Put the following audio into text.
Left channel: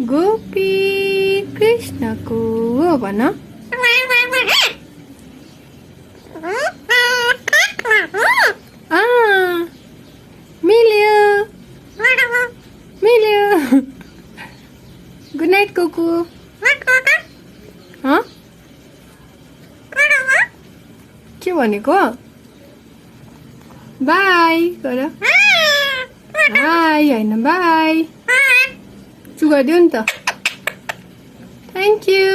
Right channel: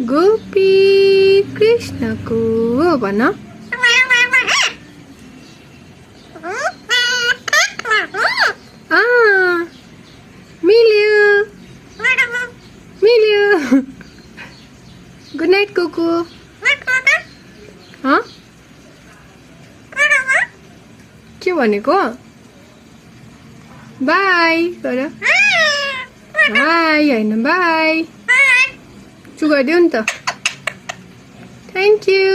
गोपी कृष्णको भन मिल्यो मिल्यो गुड नाइट कोको के भनेको बाई गर बाई होइन बाई चुगाइदेऊ नि त थ्याङ्क यू